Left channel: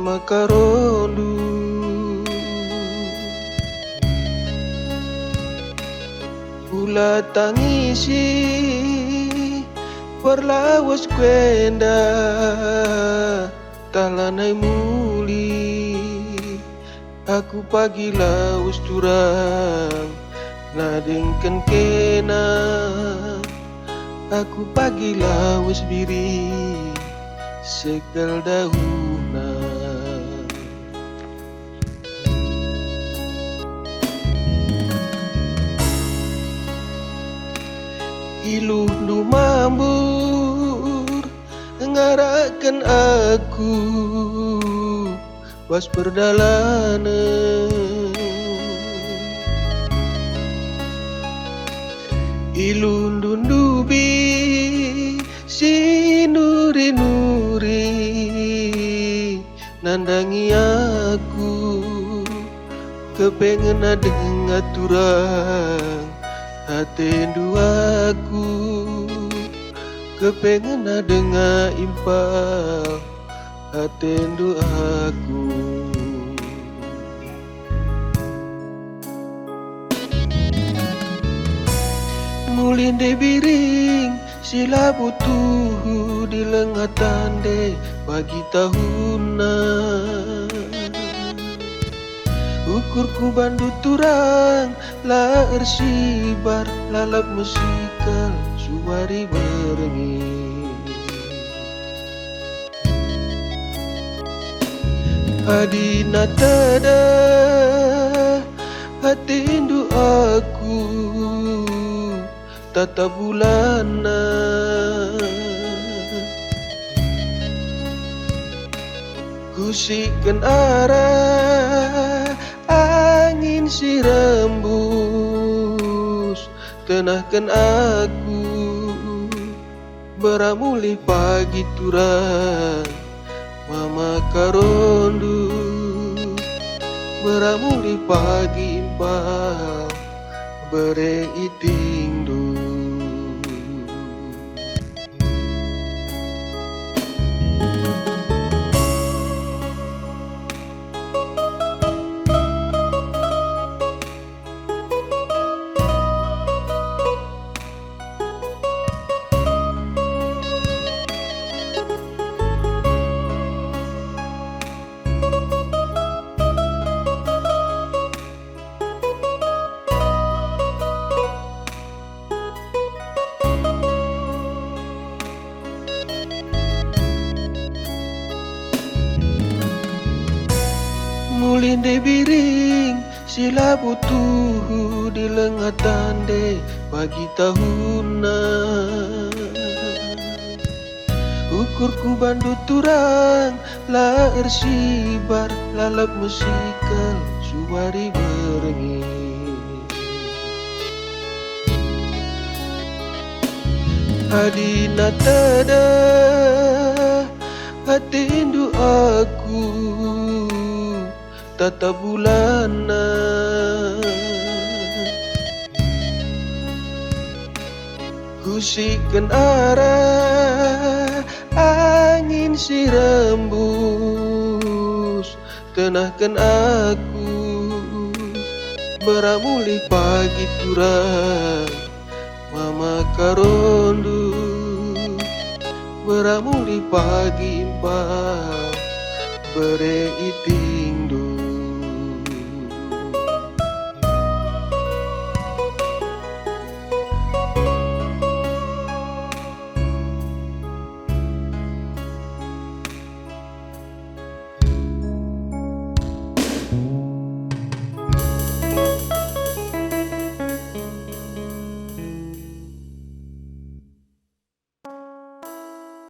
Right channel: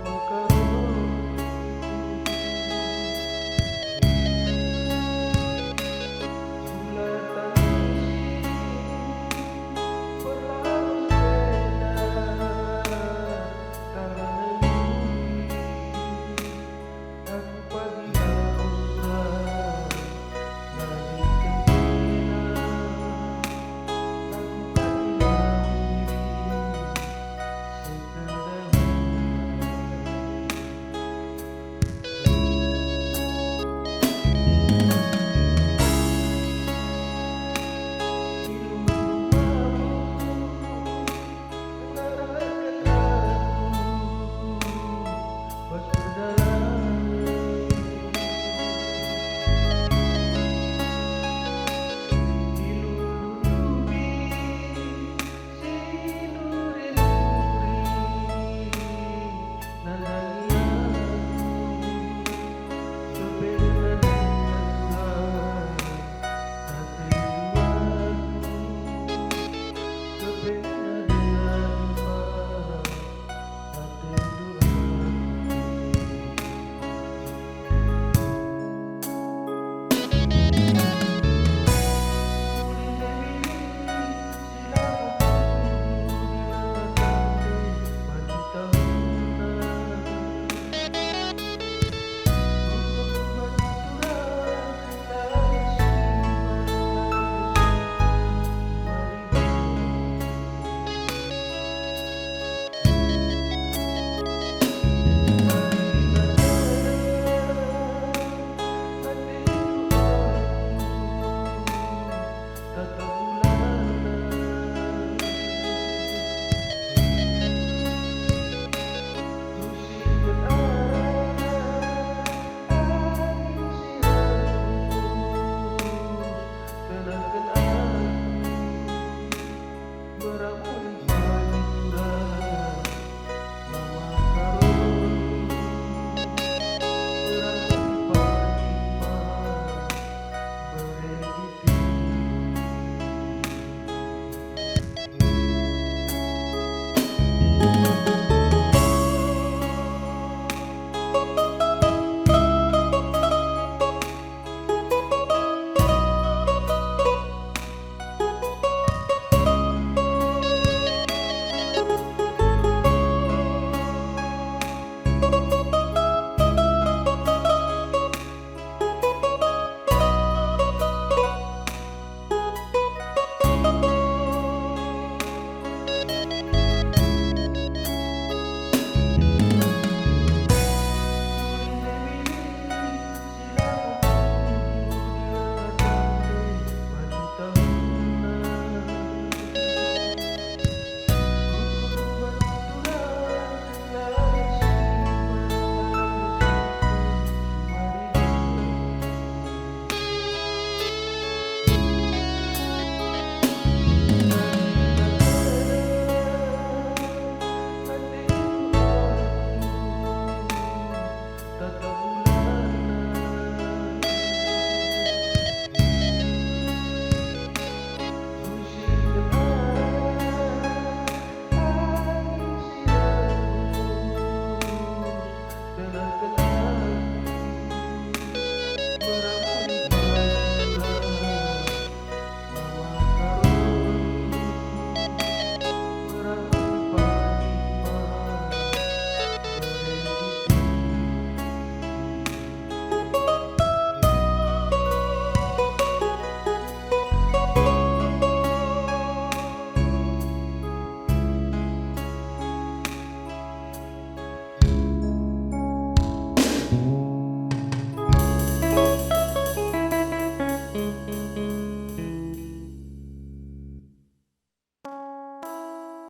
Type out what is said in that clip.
mama karondu Ula tangisi perlawas kwenda talanai muli aku pagi laus turang ladengken kena aku pagi laus biri sekal dauna ilu nu mambur ngarakan aku was perdalanan ilu dundubi si nuri-nuri nandangi aku kepengen ada ngaturang hatendu aku kepengen ada ngaimpang hatendu aku ngulinde biring sila butuh di lengatan de pagi tahunan ukurku bandu turang la ersibar lalap musikal suwari berengi adina tada hatindu aku tata bulana kusikan arah angin si rembus tenahkan aku beramuli pagi turang mama karondu beramuli pagi impang bere itingdu ngulinde biring sila butuh di lengatan de pagi tahunan ukurku bandu turang la ersibar lalap musikal suwari berengi adina tada hatindu aku tata bulana kusikan arah angin si rembus tenahkan aku beramuli pagi turang mama karondu beramuli pagi impang bere iti